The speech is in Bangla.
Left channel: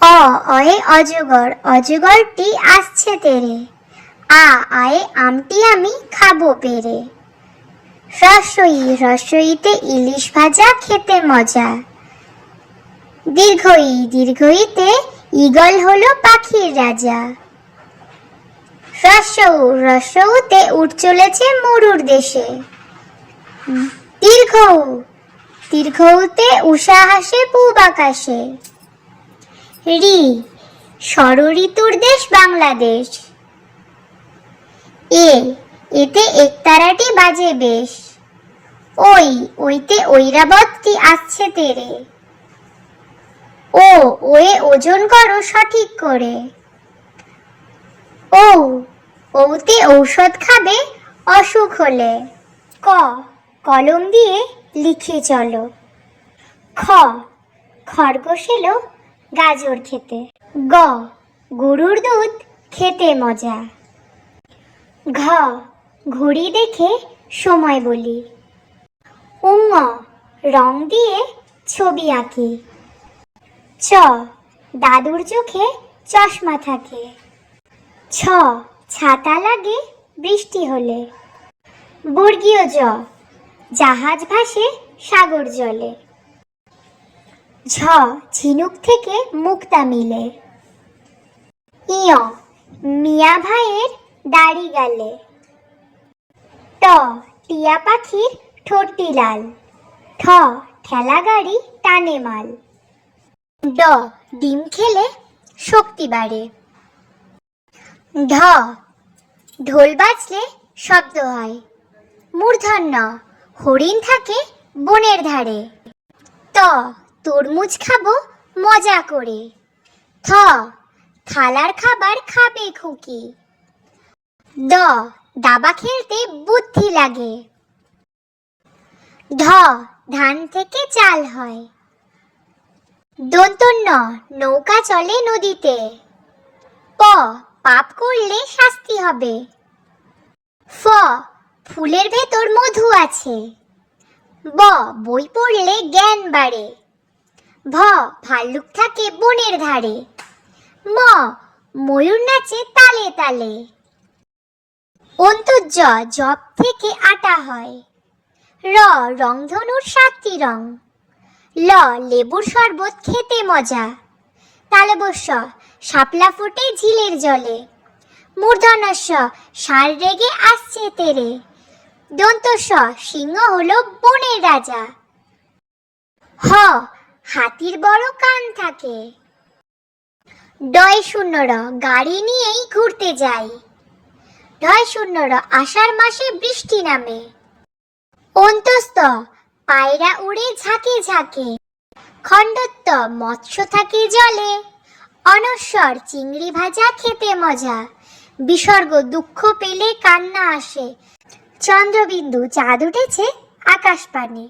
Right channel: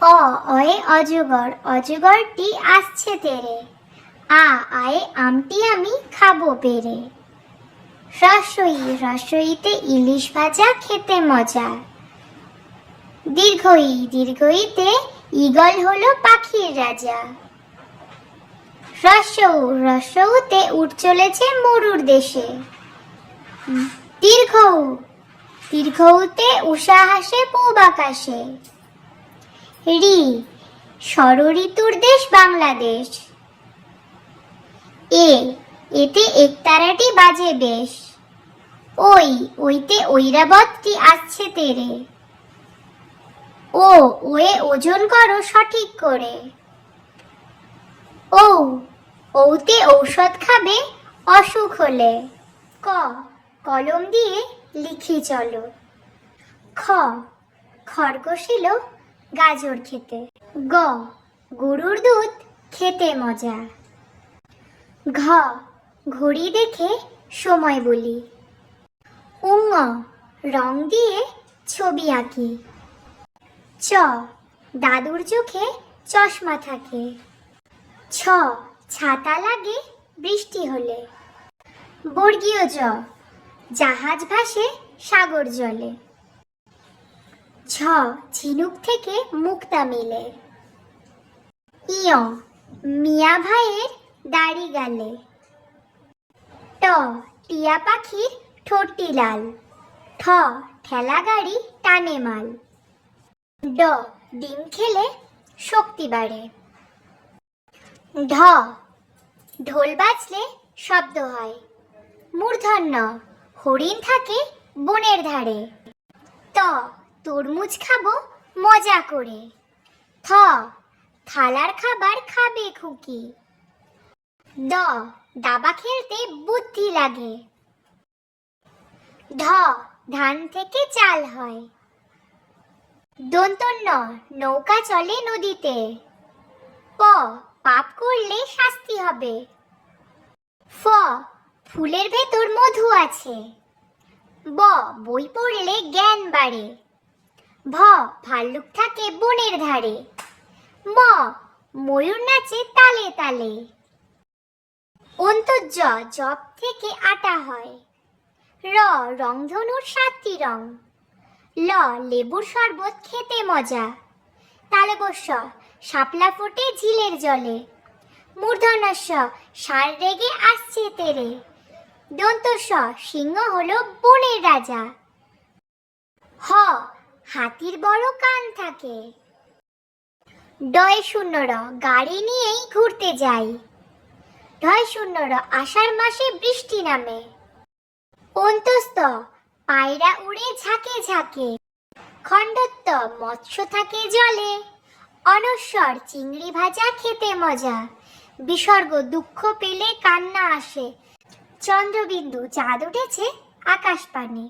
অ অয়ে অজগর, অজগরটি আসছে তেরে। আয়ে আমটি আমি খাবো পেরে। রসই, রসইতে ইলিশ ভাজা খেতে মজা। দীর্ঘই, দীর্ঘইতে ঈগল হলো পাখির রাজা। রসৌ, রসৌতে উট চলেছে মরুর দেশে। দীর্ঘৌ, দীর্ঘৌতে উষা হাসে পূব আকাশে। রি, ষড়ঋতুর দেশ বাংলাদেশ। এতে একতারাটি বাজে বেশ। ওইতে ঐরাবতটি আসছে তেরে। ওয়ে ওজন করো সঠিক করে। ওতে ঔষধ খাবে অসুখ হলে। কলম দিয়ে লিখে চলো। খরগোশ এলো গাজর খেতে। গরুর দুধ খেতে মজা। ঘড়ি দেখে সময় বলি। রং দিয়ে ছবি আঁকি। দাদুর চোখে চশমা থাকে। ছাতা লাগে বৃষ্টি হলে। বর্গীয় জ, জাহাজ ভাসে সাগর জলে। ঝিনুক থেকে মুক্তা মিলে। মিয়া ভাইয়ের দাড়ি গালে। টিয়া পাখির ঠোঁটটি লাল। ঠেলা গাড়ি টানে মাল। ডিম খেলে শক্তি বাড়ে। ঢোল বাজলে শব্দ হয়। মূর্ধন্য, হরিণ থাকে বনের ধারে। তরমুজ খাবো মজা করে। থালার খাবার খাবে খুকি। দাবা খেলতে বুদ্ধি লাগে। ধান থেকে চাল হয়। দন্তন্য, নৌকা চলে নদীতে। পাপ করলে শাস্তি হবে। ফুলের ভেতর মধু আছে। বই পড়লে জ্ঞান বাড়ে। ভাল্লুক থাকে বনের ধারে। ময়ূর নাচে তালে তালে। অন্তর্য, জব থেকে আটা হয়। রংধনুর 7টি রং। লেবুর শরবত খেতে মজা। তালবস্য, শাপলা ফোটে ঝিলের জলে। মূর্ধন্যস্য, ষাঁড় রেগে আসছে তেরে। দন্তস্য, সিংহ হলো বনের রাজা। হাতির বড় কান থাকে। ডয় শূন্যর, গাড়ি নিয়েই ঘুরতে যাই। ঢয় শূন্যর, আষাঢ় মাসে বৃষ্টি নামে। অন্তস্থ, পায়রা উড়ে ঝাঁকে ঝাঁকে। খণ্ডত্ব, মৎস্য থাকে জলে। অনস্বর, চিংড়ি ভাজা খেতে মজা। বিসর্গ, দুঃখ পেলে কান্না আসে। চন্দ্রবিন্দু, চাঁদ উঠেছে আকাশ পানে।